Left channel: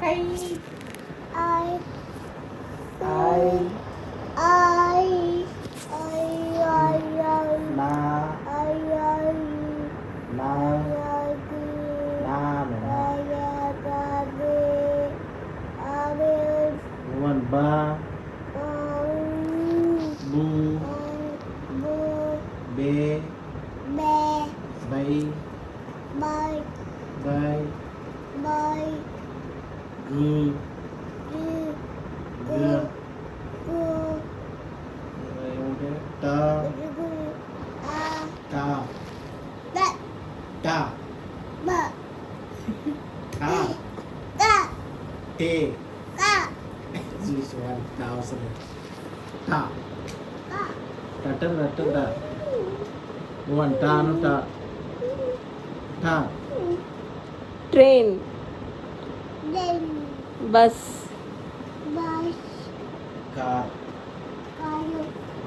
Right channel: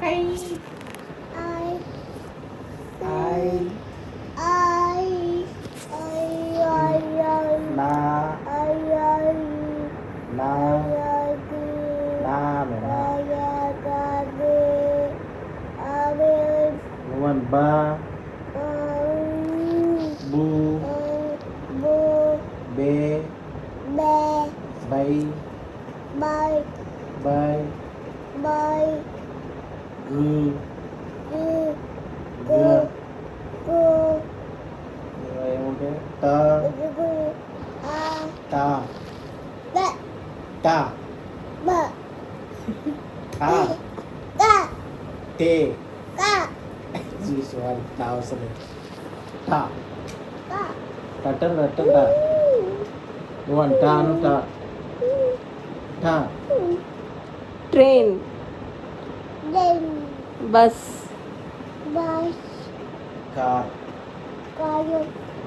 కై ఐ నా నా నా one ba bu be bay bay gu gu ఏముంటే ta ta ta ta te చూసుకోవాలి ta అవసరం ta ta ta one ta ను ta ta train, bus, car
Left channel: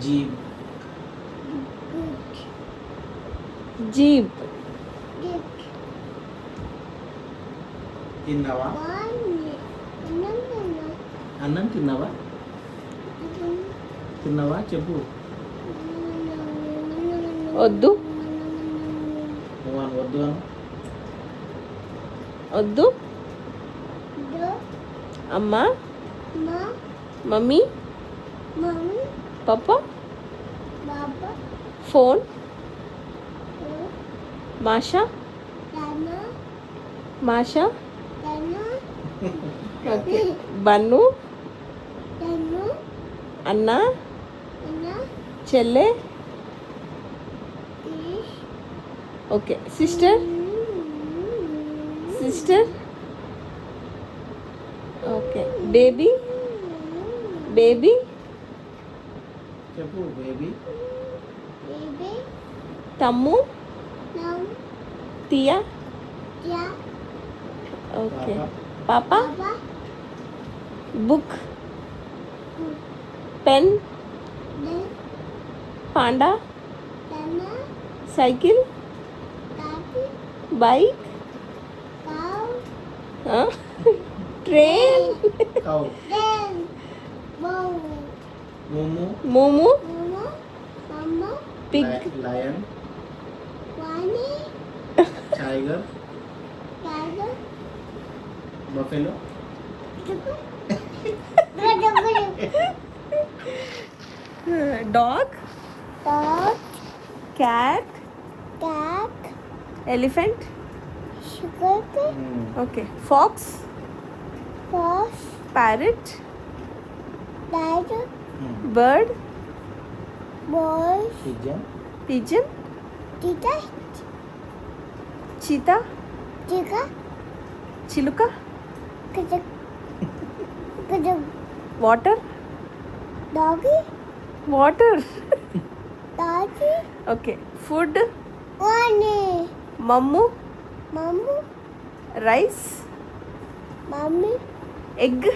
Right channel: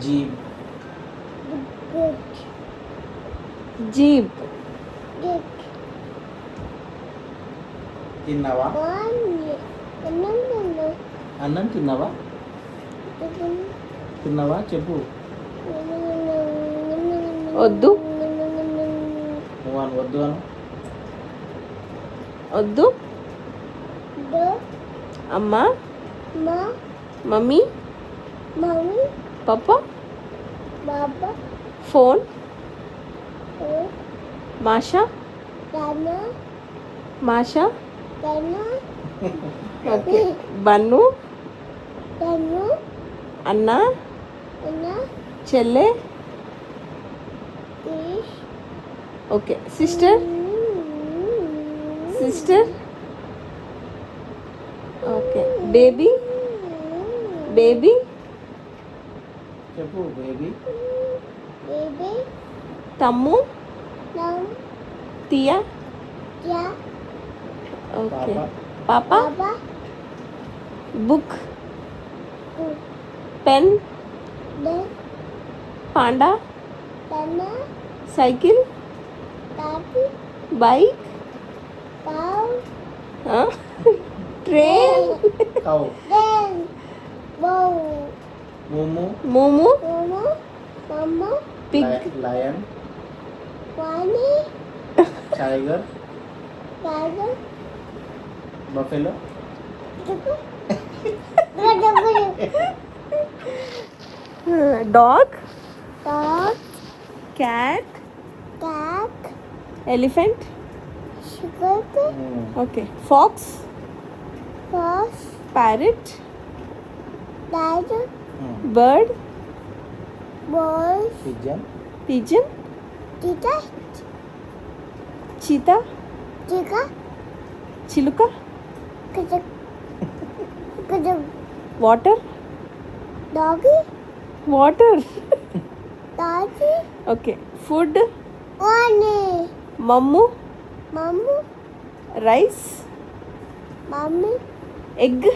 jeep jeep, తిన్నావా అన్నం తిన్నావా తిన్నావా చెప్పు వద్దు నువ్వు అని వద్దు అను వద్దు, అమ్మ, మమ్మీ, పప్ప, ఫోన్, మాషా, మాషా, ఓకే, బన్ను, అన్న, చెల్లె, okay, sister, sister, okay, baby, baby, చెప్పు బేబీ తమ్ము, తియా, ఓకే, పాప, book, pen, panda, cycle, bike, train, cow మూము మూము, pig, lion tiger buffalo dog, cat, elephant, okay, fox, parrot, bird, pigeon pigeon, cheetah, చిలుక, వాటర్, వాటర్, ఓకే, ఫుడ్, మమ్ము, rice, egg,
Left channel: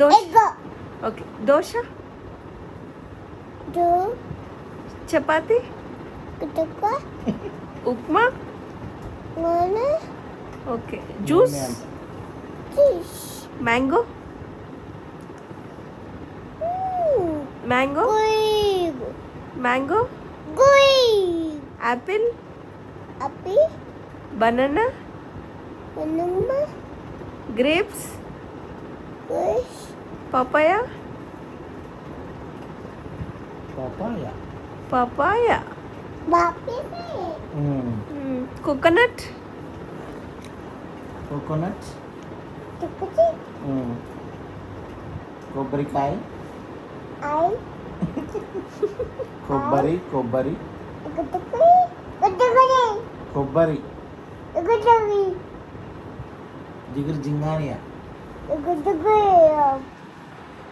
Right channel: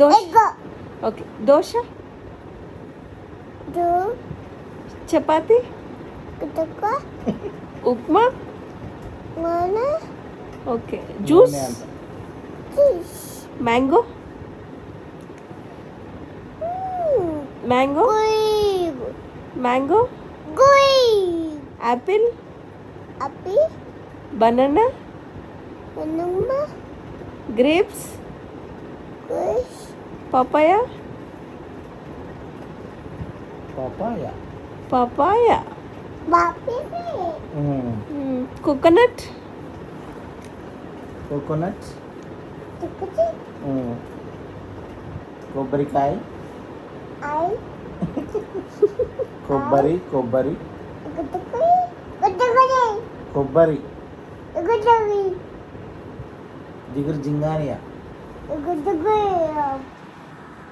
dosa, okay, dosa, chapati, upma, okay, juice, mango, mango, mango, apple, banana, grapes, papaya, papaya papaya, coconut, coconut కొబ్బరికాయ కొబ్బరి కొబ్బరి కొబ్బరి జిగురు జింగానియా